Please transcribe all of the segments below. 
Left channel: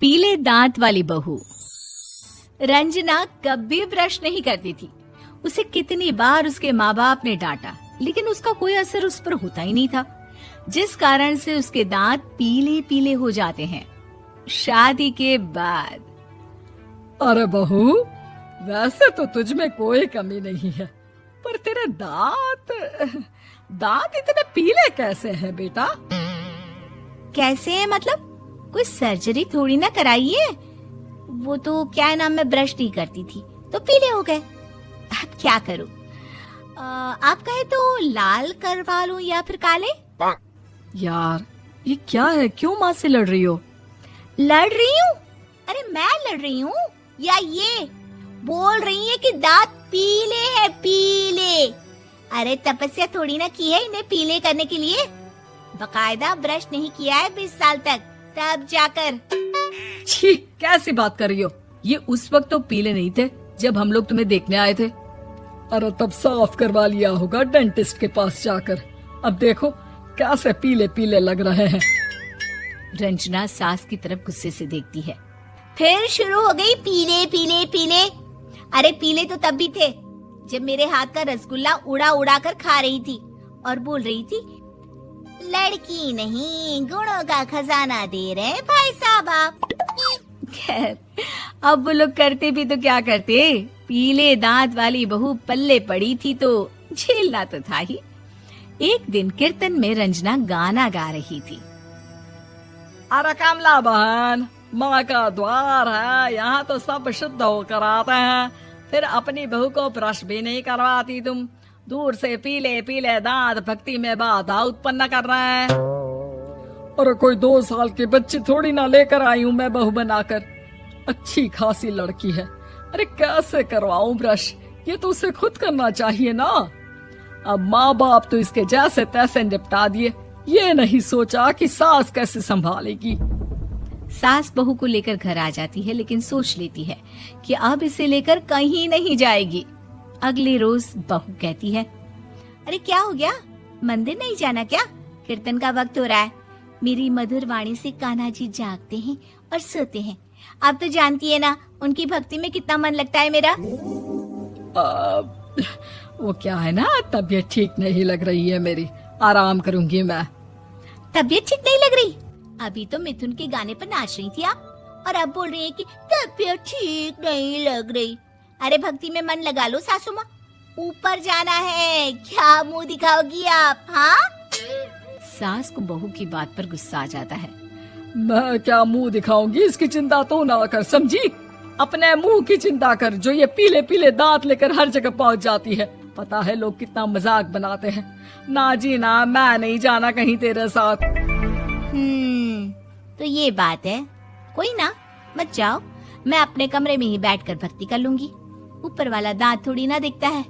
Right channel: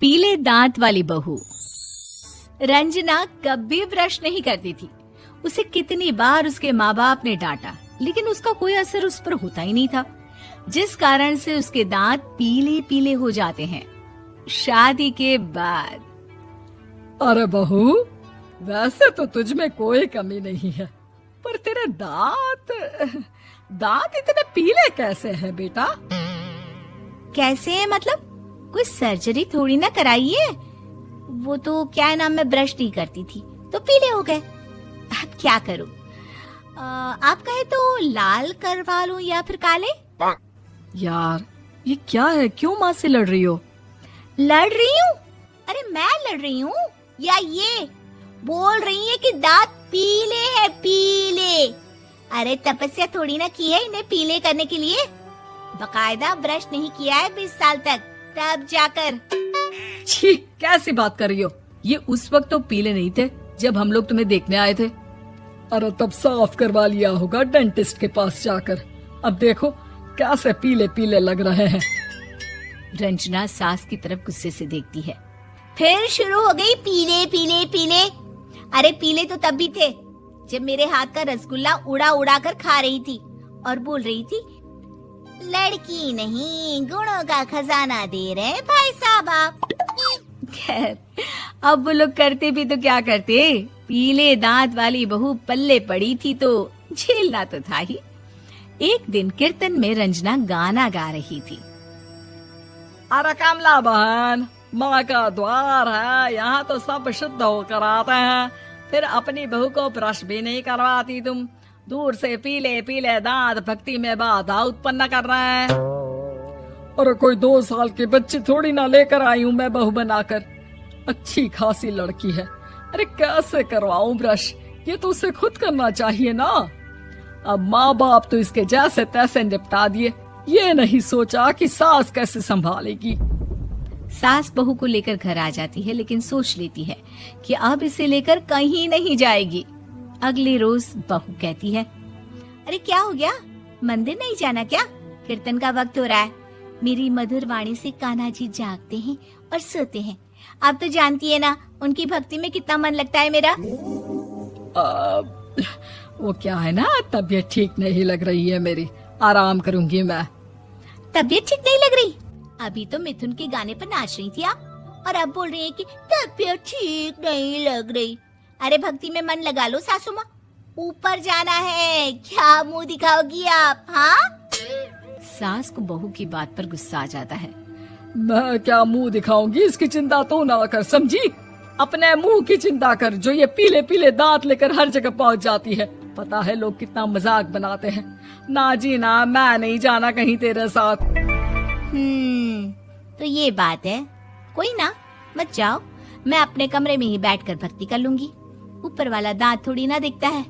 पीले दांत वाली बहू। रंजना कभी ब्रश नहीं करती थी। उसे कितनी बार उसके माँ बाप ने डांटा, लेकिन उसका कोई असर उस पर होता ही नहीं था, जिस कारण से उसके दांत पीले पीले हो जाते हैं। शादी के बाद अरे बहू, वैसे तो तुझ में कोई कमी नहीं है, पर तेरे दांत इतने पीले कैसे हैं बेटा? कैसे मतलब? कोई सर्जरी थोड़ी ना कराइए। वो तो क्या नाम, मैं ब्रश नहीं करती थी तो पीले हो गए। अब क्या करूं? आप कहें तो लाल करवा लूं या फिर काले? यार ये क्या है, क्यों माँ से लड़ रही हो? लड़ रही हूँ? अरे मैं लड़ रही हूँ या ये बोल रही है कि दांत पीले हैं, पीले। अरे तपस्या थोड़ी ना की है इन्हें पीले करने के लिए। बकायदा ब्रश नहीं किया है 20 साल तक, तब जाकर। छी, कैसी बात कर रही हो? ये उस वक्त तो पीले नहीं थे जब हम लोग तुम्हें देखने आए थे। अरे तब साफ करवा लिया होगा डेंटिस्ट के पास जाकर। अब देखो कैसे पीले पीले लग रहे हैं। रंजना सास की तरफ गुस्से से देखती है। फिर शुरू हो गई पीले पीले पीले। अरे पीले तो तब भी थे जब मेरे हाथ का रसगुल्ला उड़ा उड़ा कर खा रही थी और बोल रही थी, लड़की नहीं गुणों का खजाना दे रहे भाई साहब आप। खैर, अब वो लोग करते भी तो क्या करते, पीले दांत वाली बहू पल्ले पड़ी थी तो झेलना तो था ही। एक दिन कीर्तन में रंजना गाना गा रही थी। अरे कमला बहन, माँ का द्वार है, यहाँ तो सब शुद्ध होकर आते हैं, फिर अपनी बहू को ब्रश भी नहीं करवाती तुम। दूर से पीले पीले दांत भक्ति में बाधा उत्पन्न कर रहे हैं। अरे कोई 2 साल के बच्ची थोड़ी ना लेकर आई हूँ मैं बहू बनाकर। अच्छी खासी लड़की है, अरे कैसे करवाऊं ब्रश? ये तो उसे खुद करना चाहिए ना। अब माँ बाप तो इसके जैसे तैसे निपटा दिए, ये नहीं सोचा कि सास कैसे संभालेगी। सास बहू को लेकर घर आ जाती है, लेकिन सोच लेती है कि अब इसे लेकर कहीं नहीं जाएगी। अगले रोज बहू कहती है, अरे क्या हो गया, मंदिर नहीं जाना क्या? कीर्तन का वक्त हो रहा है। मेरी मधुर वाणी से कान्हा जी जागते हैं और सोते हैं। आप तो जानती है ना उनकी भक्ति में कितना मन लगता है मेरा। वो क्या है ना, तबीयत ठीक नहीं लग रही है मेरी, आराम करूंगी मैं। तबीयत ठीक नहीं लग रही? अभी तो मिथुन के गाने पर नाच रही थी आप, और अब बोल रही है कि तबीयत ठीक नहीं लग रही। अरे भक्ति में मन लगा लो सासू माँ, ऊपर जाना है, क्या मुंह दिखाओगी आप? हाँ? सास को बहू की बात पर गुस्सा आ जाता है। मैं क्या मुंह दिखाऊंगी, इसकी चिंता तो ना कर, समझी? अपने मुंह की चिंता कर, जो ये पीले पीले दांत लेकर हर जगह पहुंच जाती है। पता है लोग कितना मजाक बनाते हैं। ना जी ना, मैं नहीं जाना कहीं तेरे साथ। तो ये बात है, कोई ना, मत जाओ, मैं अपने कमरे में ही बैठकर भक्ति कर लूंगी। ऊपर वाला दांत थोड़ी ना देखता है,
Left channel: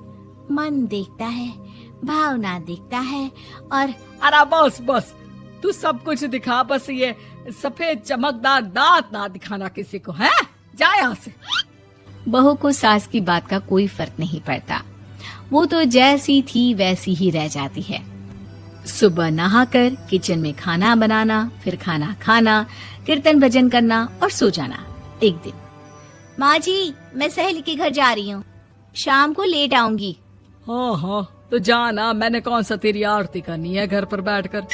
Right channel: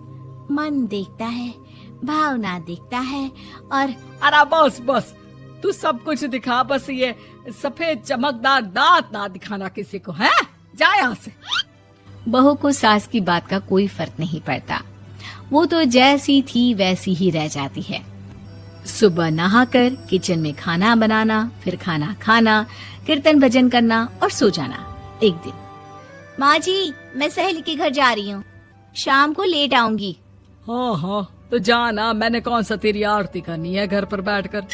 मन देखता है, भावना देखता है। और अरे बस बस, तू सब कुछ दिखा, बस ये सफेद चमकदार दांत ना दिखाना किसी को, है? जा यहाँ से। बहू को सास की बात का कोई फर्क नहीं पड़ता, वो तो जैसी थी वैसी ही रह जाती है। सुबह नहाकर किचन में खाना बनाना, फिर खाना खाना, कीर्तन भजन करना और सो जाना। एक दिन, माँ जी मैं सहेली के घर जा रही हूँ, शाम को लेट आऊंगी। हाँ हाँ तो जाना, मैंने कौन सा तेरी आरती करनी है घर पर बैठकर।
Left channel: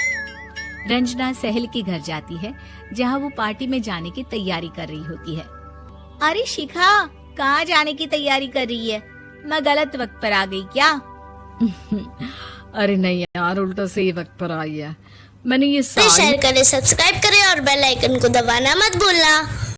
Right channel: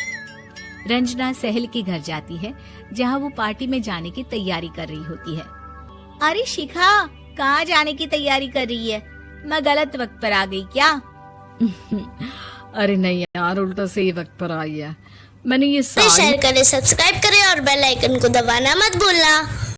रंजना सहेली के घर जाती है, जहाँ वो पार्टी में जाने की तैयारी कर रही होती है। अरे शिखा, कहाँ जाने की तैयारी कर रही है? मैं गलत वक्त पर आ गई क्या? अरे नहीं यार, उल्टा सही वक्त पर आई है। मैंने ये शेयर करें, सब्सक्राइब करें और बेल आइकन को दबाना मत भूलना।